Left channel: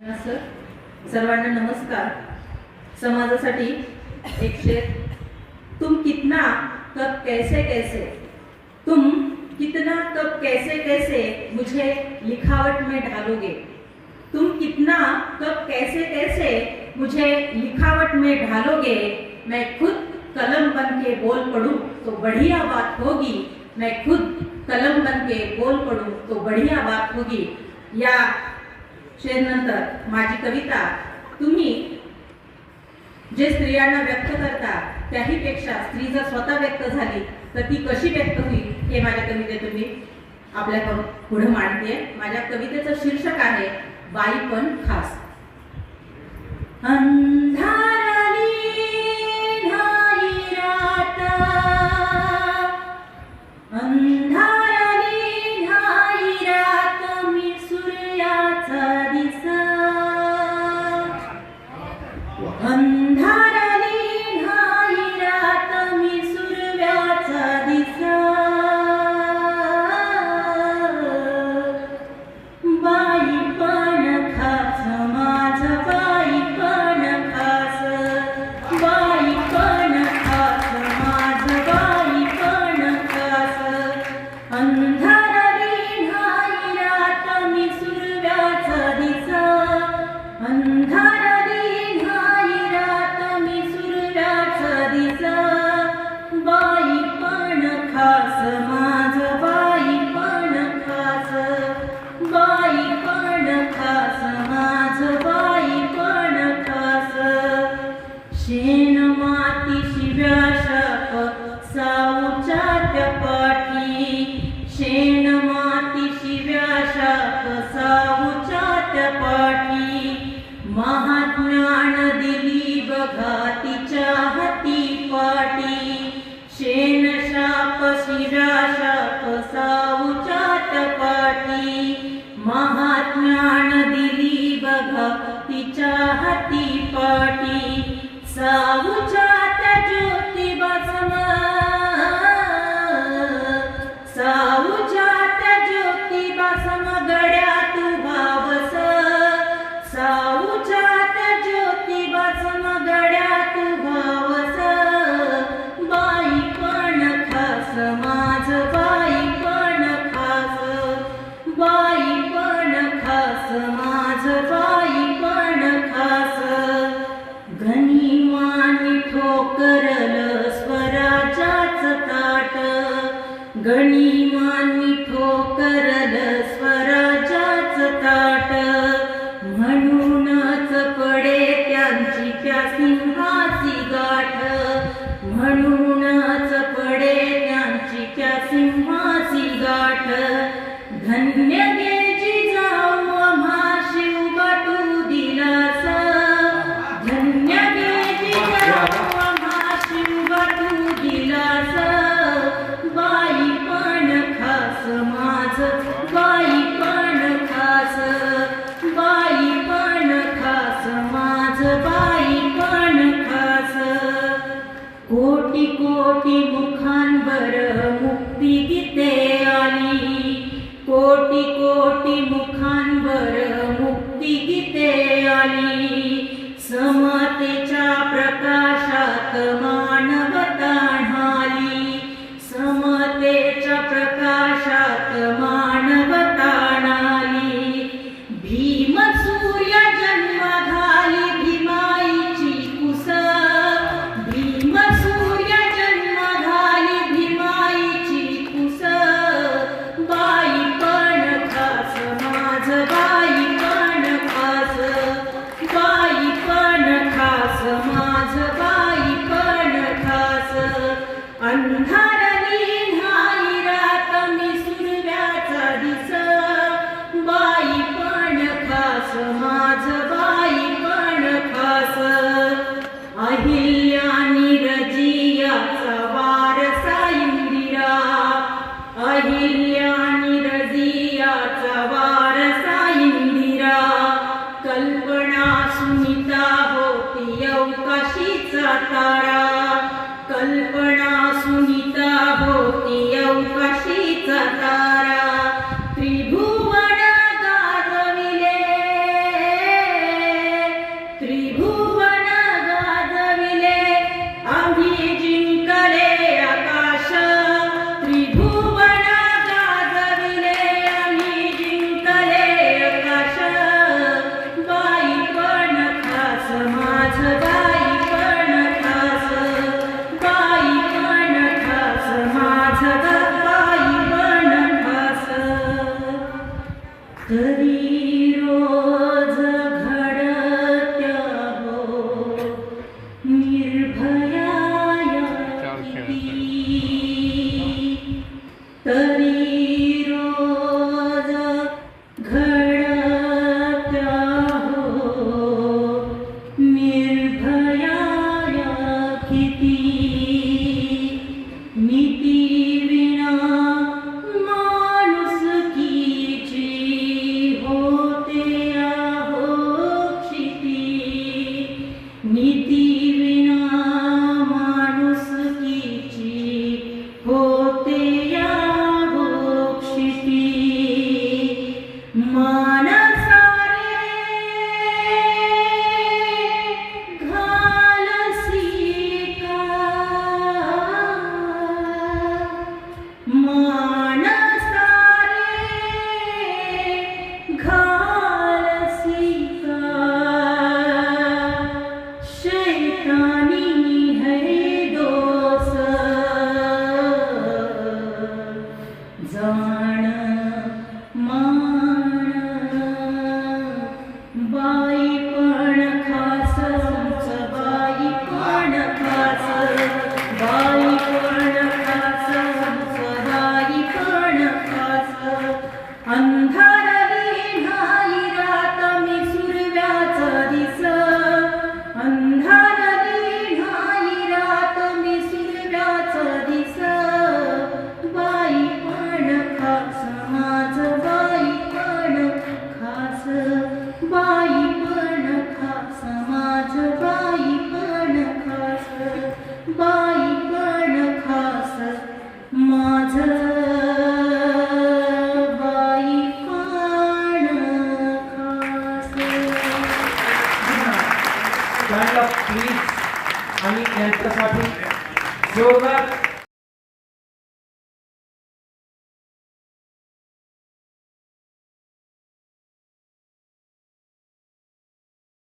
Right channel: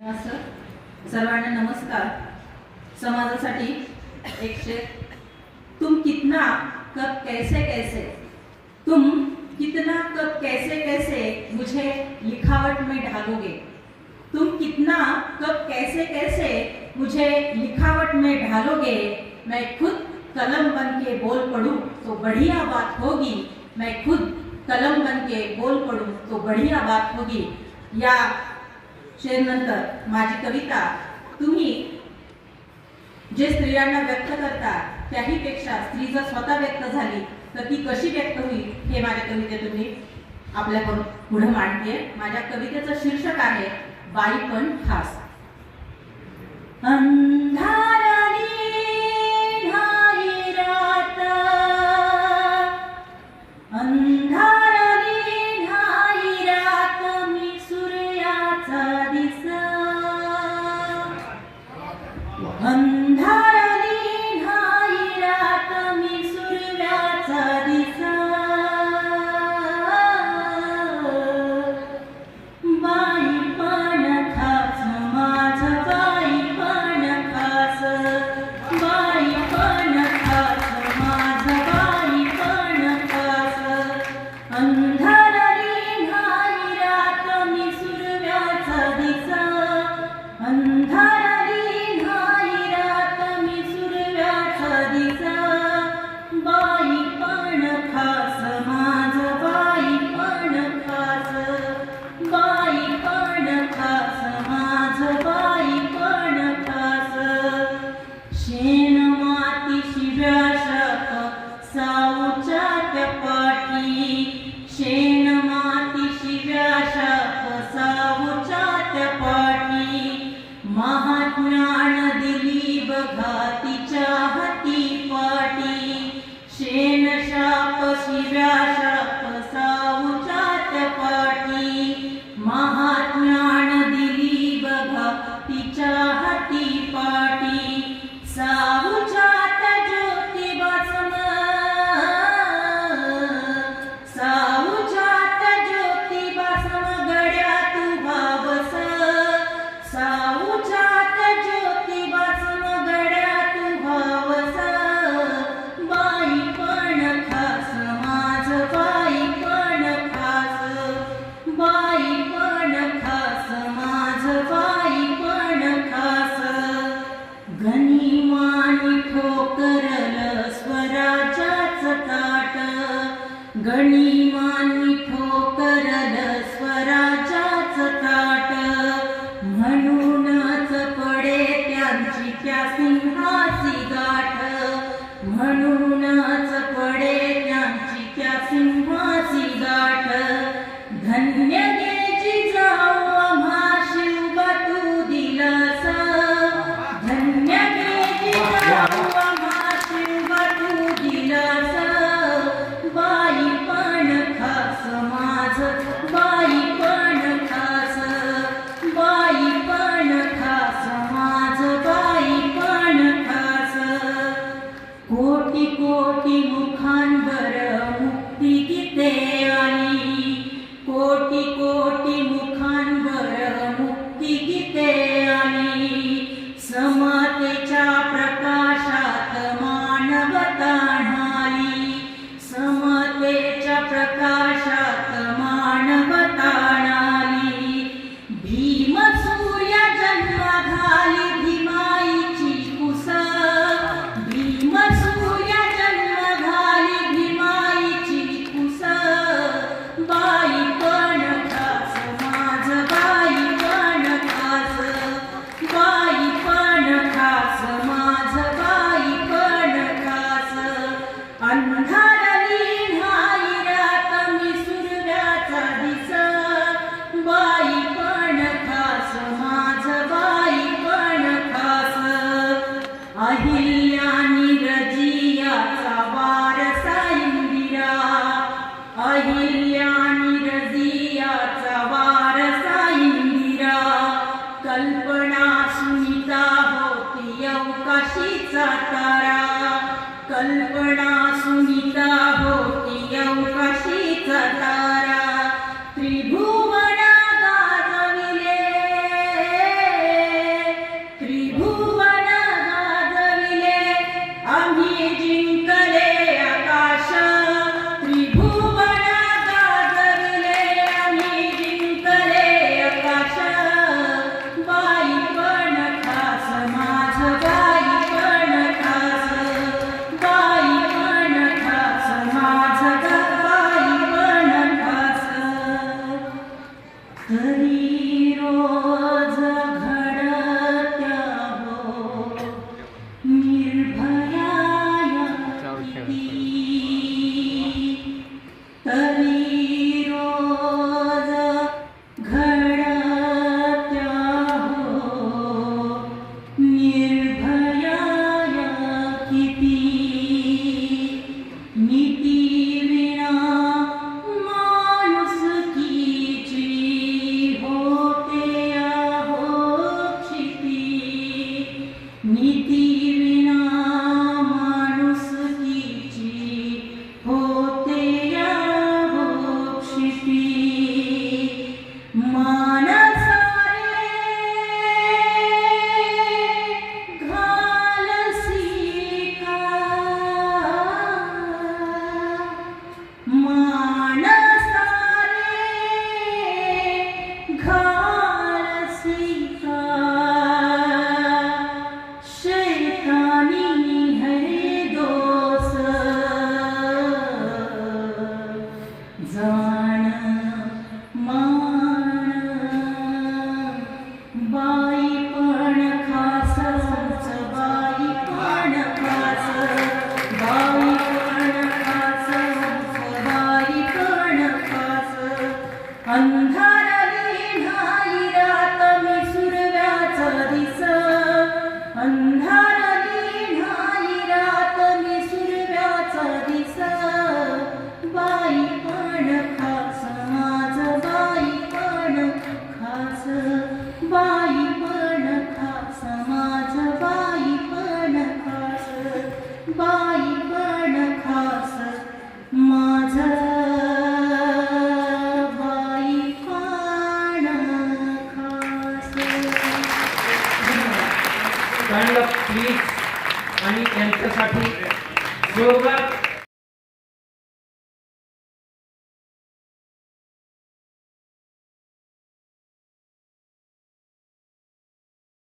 Sir. सर्वांना नमस्कार. समाजासाठी एक शेर. तुम कितना कब कैसे कैसे? तुम कितना कब कैसे कैसे मुझे लिखावट में ढालोगे? तुम कितना कब कैसे कैसे मुझे लिखावट में ढालोगे? मैं खुद कलम बन के बोल पढ़ूं तो बढ़िया बात होगी। मैं खुद कलम बन के बोल पढ़ूं तो बढ़िया बात होगी। या शेरनंतर माझी कविता तुम्ही जे स्त्रियांना व्यक्त करता त्याहीपेक्षा स्त्री जर स्वतः व्यक्त झाली तर ती कशी व्यक्त होईल हे माझ्या कवितेतून मी आपल्या पुढे मांडते माझ्या कवितेचं शीर्षक आहे बाई पण खास. study que गनिमानी ठोकरल स्वराजाच ताट. म्हणूनच पडे त्यांची त्या सिंहाची गाठ. म्हणूनच पडे कोटी कोटी मुखान कल्पना सुनिता होती अवकाशीचा तारा. कल्पना सुनी need स्टँड अप प्लीज आणि त्यांच्यासाठी जोरदार